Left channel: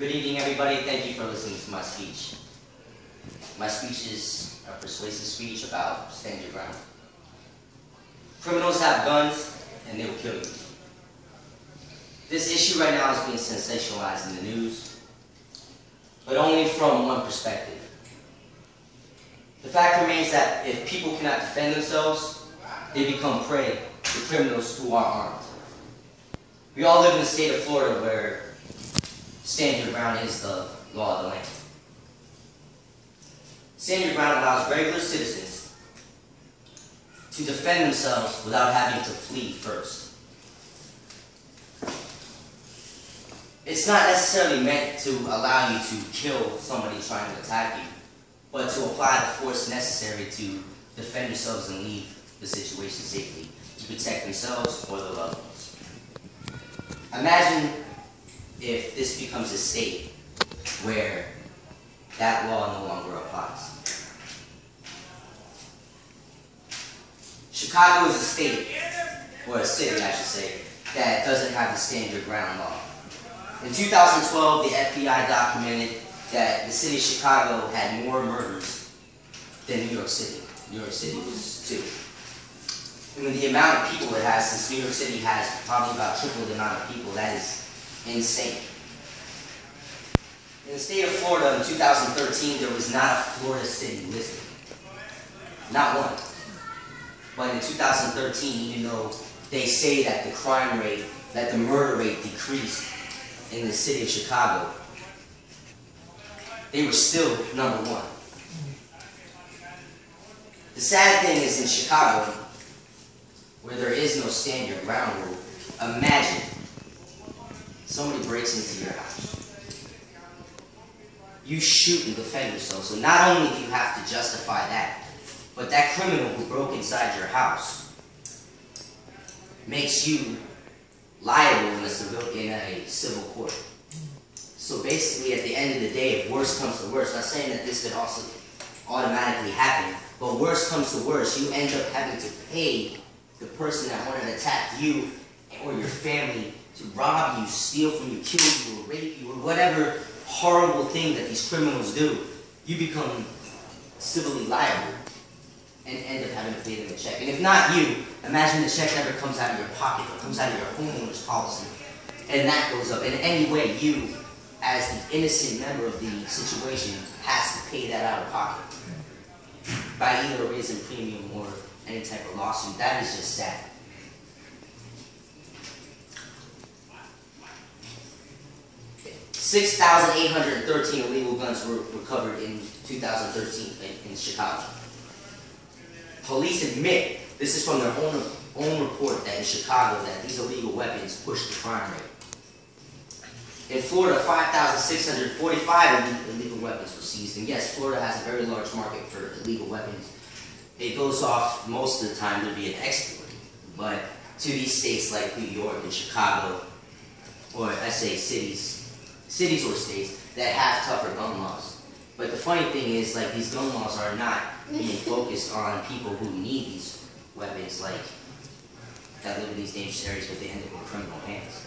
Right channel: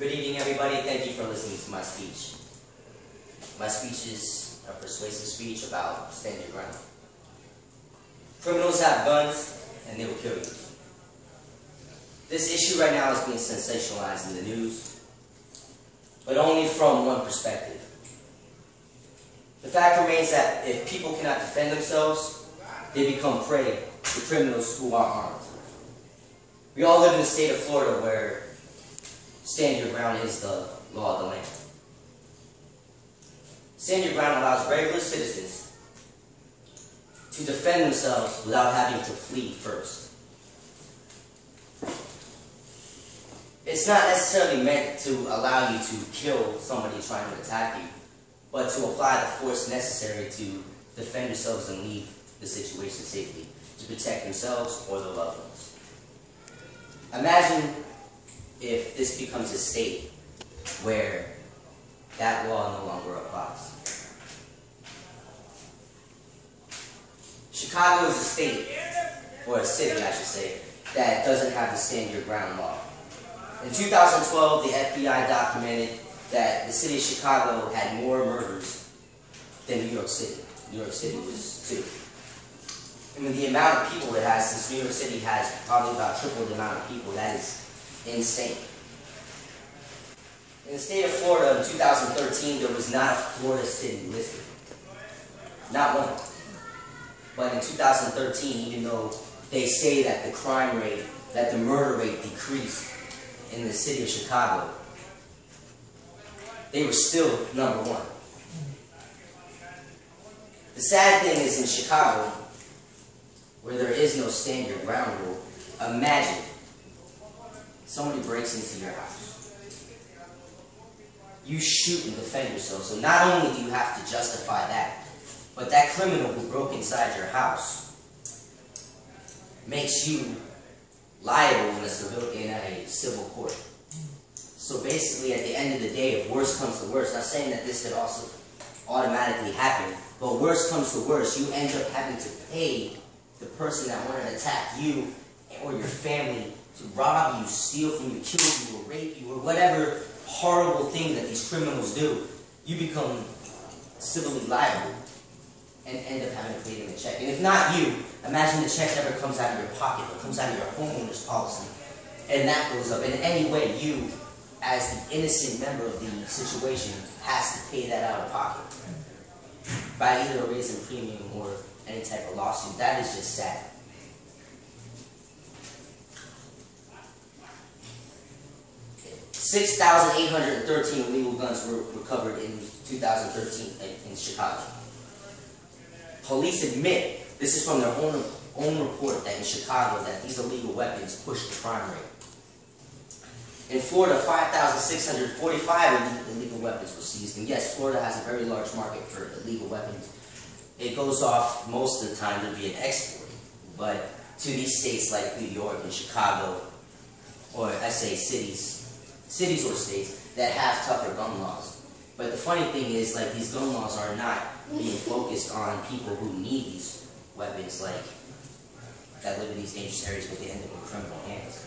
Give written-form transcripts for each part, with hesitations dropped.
Good evening, everybody. Thank you for listening to my speech. My speech is a persuasive speech about stand your ground. Criminals have guns, and they will kill you. This issue right now is being sensationalized in the news, but only from one perspective. The fact remains that if people cannot defend themselves, they become prey to criminals who are armed. We all live in the state of Florida where stand your ground is the law of the land. Stand your ground allows regular citizens to defend themselves without having to flee first. It's not necessarily meant to allow you to kill somebody trying to attack you, but to apply the force necessary to defend yourselves and leave the situation safely, to protect themselves or their loved ones. Imagine if this becomes a state where that law no longer applies. Chicago is a state, or a city I should say, that doesn't have the stand your ground law. In 2012, the FBI documented that the city of Chicago had more murders than New York City. New York City was 2. And with the amount of people it has, since New York City has probably about triple the amount of people, that is insane. In the state of Florida in 2013, there was not a Florida city listed. Not one. But in 2013, even though they say that the crime rate, that the murder rate decreased in the city of Chicago, they were still number 1. The sad thing is in Chicago, where there is no stand your ground rule, imagine somebody breaks into your house. You shoot and defend yourself. So not only do you have to justify that, but that criminal who broke inside your house makes you liable in a civil court. So basically, at the end of the day, if worse comes to worse, not saying that this could also automatically happen, but worse comes to worse, you end up having to pay the person that wanted to attack you or your family to rob you, steal from you, kill you, or rape you, or whatever horrible thing that these criminals do. You become civilly liable and end up having to pay them a check. And if not you, imagine the check never comes out of your pocket, it comes out of your homeowner's policy, and that goes up. In any way, you, as the innocent member of the situation, has to pay that out of pocket by either a raise in premium or any type of lawsuit. That is just sad. Okay. 6,813 illegal guns were recovered in 2013 in Chicago. Police admit, this is from their own report, that in Chicago that these illegal weapons push the crime rate. In Florida, 5,645 illegal weapons were seized. And yes, Florida has a very large market for illegal weapons. It goes off most of the time to be an export. But to these states like New York and Chicago, or I say cities or states that have tougher gun laws. But the funny thing is, like, these gun laws are not being focused on people who need these weapons, like, that live in these dangerous areas, but they end up in criminal hands.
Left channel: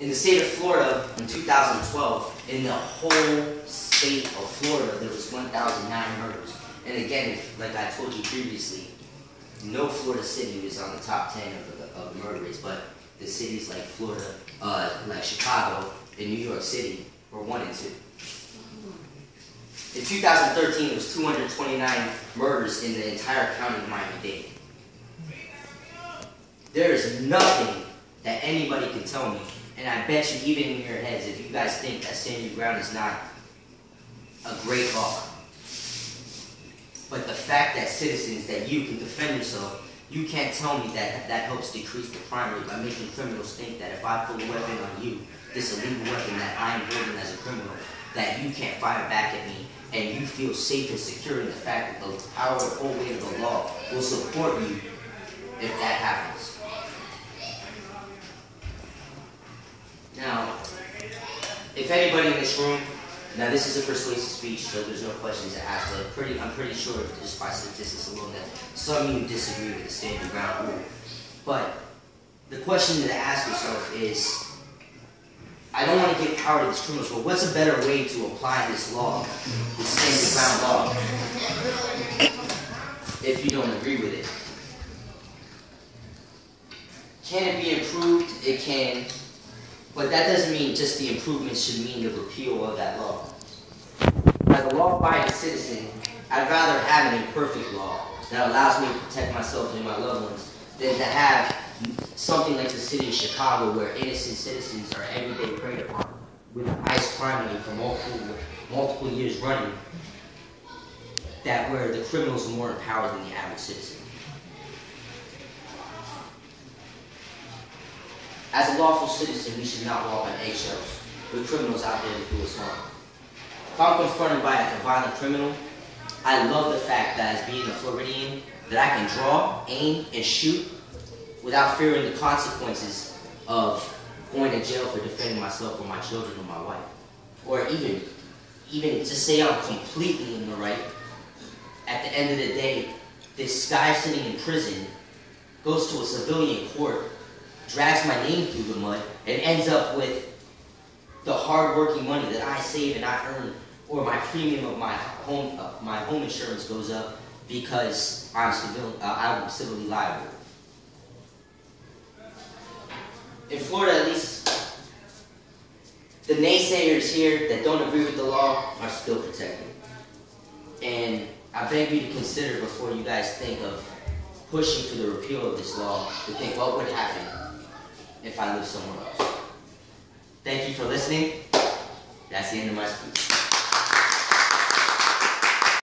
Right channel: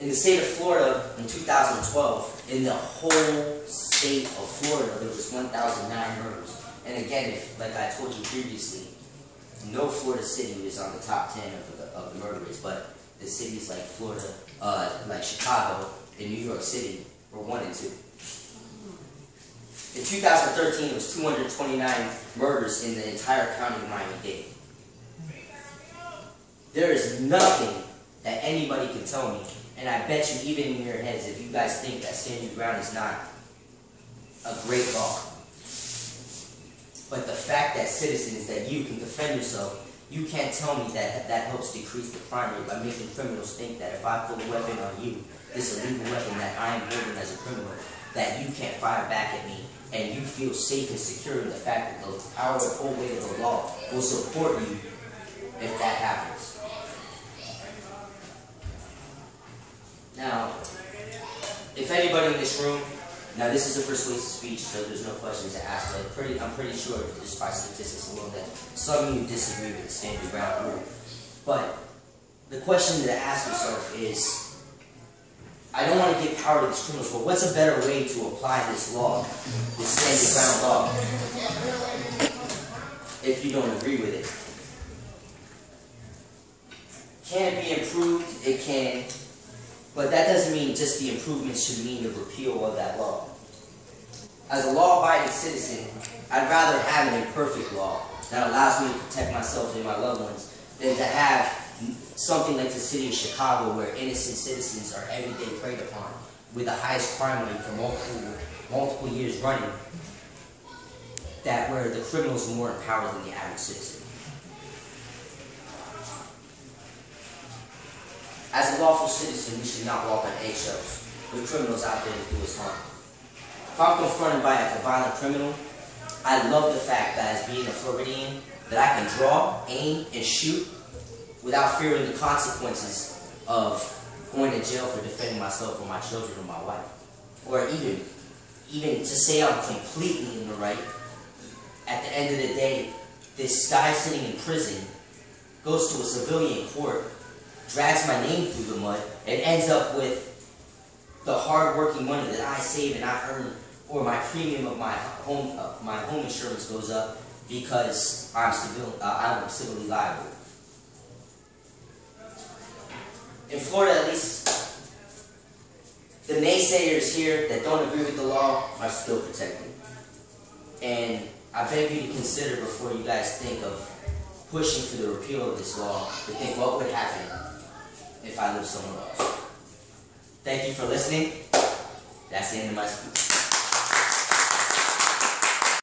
In the state of Florida, in 2012, in the whole state of Florida, there was 1,009 murders. And again, like I told you previously, no Florida city was on the top 10 of the murder rates, but the cities like Florida, like Chicago and New York City were 1 and 2. In 2013, it was 229 murders in the entire county of Miami-Dade. There is nothing that anybody can tell me, and I bet you even in your heads, if you guys think that stand your ground is not a great law, but the fact that citizens, that you can defend yourself, you can't tell me that that helps decrease the crime rate by making criminals think that if I pull a weapon on you, this illegal weapon that I am holding as a criminal, that you can't fire back at me, and you feel safe and secure in the fact that the power, the whole weight of the law will support you if that happens. Now, if anybody in this room, now this is a persuasive speech, so there's no questions to ask, but I'm pretty sure just by statistics alone that some of you disagree with the stand your ground rule. But the question to ask yourself is, I don't want to give power to these criminals, but what's a better way to apply this law, this stand ground law, if you don't agree with it? Can it be improved? It can. But that doesn't mean just the improvement should mean the repeal of that law. As a law-abiding citizen, I'd rather have an imperfect law that allows me to protect myself and my loved ones than to have something like the city of Chicago where innocent citizens are every day preyed upon with the highest crime rate for multiple years running, that where the criminals are more empowered than the average citizen. As a lawful citizen, we should not walk on eggshells with criminals out there to do us harm. If I'm confronted by a violent criminal, I love the fact that as being a Floridian, that I can draw, aim, and shoot without fearing the consequences of going to jail for defending myself or my children or my wife. Or even to say I'm completely in the right, at the end of the day, this guy sitting in prison goes to a civilian court, drags my name through the mud, and ends up with the hard-working money that I save and I earn, or my premium of my home insurance goes up because I'm civilly liable. In Florida, at least, the naysayers here that don't agree with the law are still protected. And I beg you to consider before you guys think of pushing for the repeal of this law, to think what would happen if I lived somewhere else. Thank you for listening. That's the end of my speech.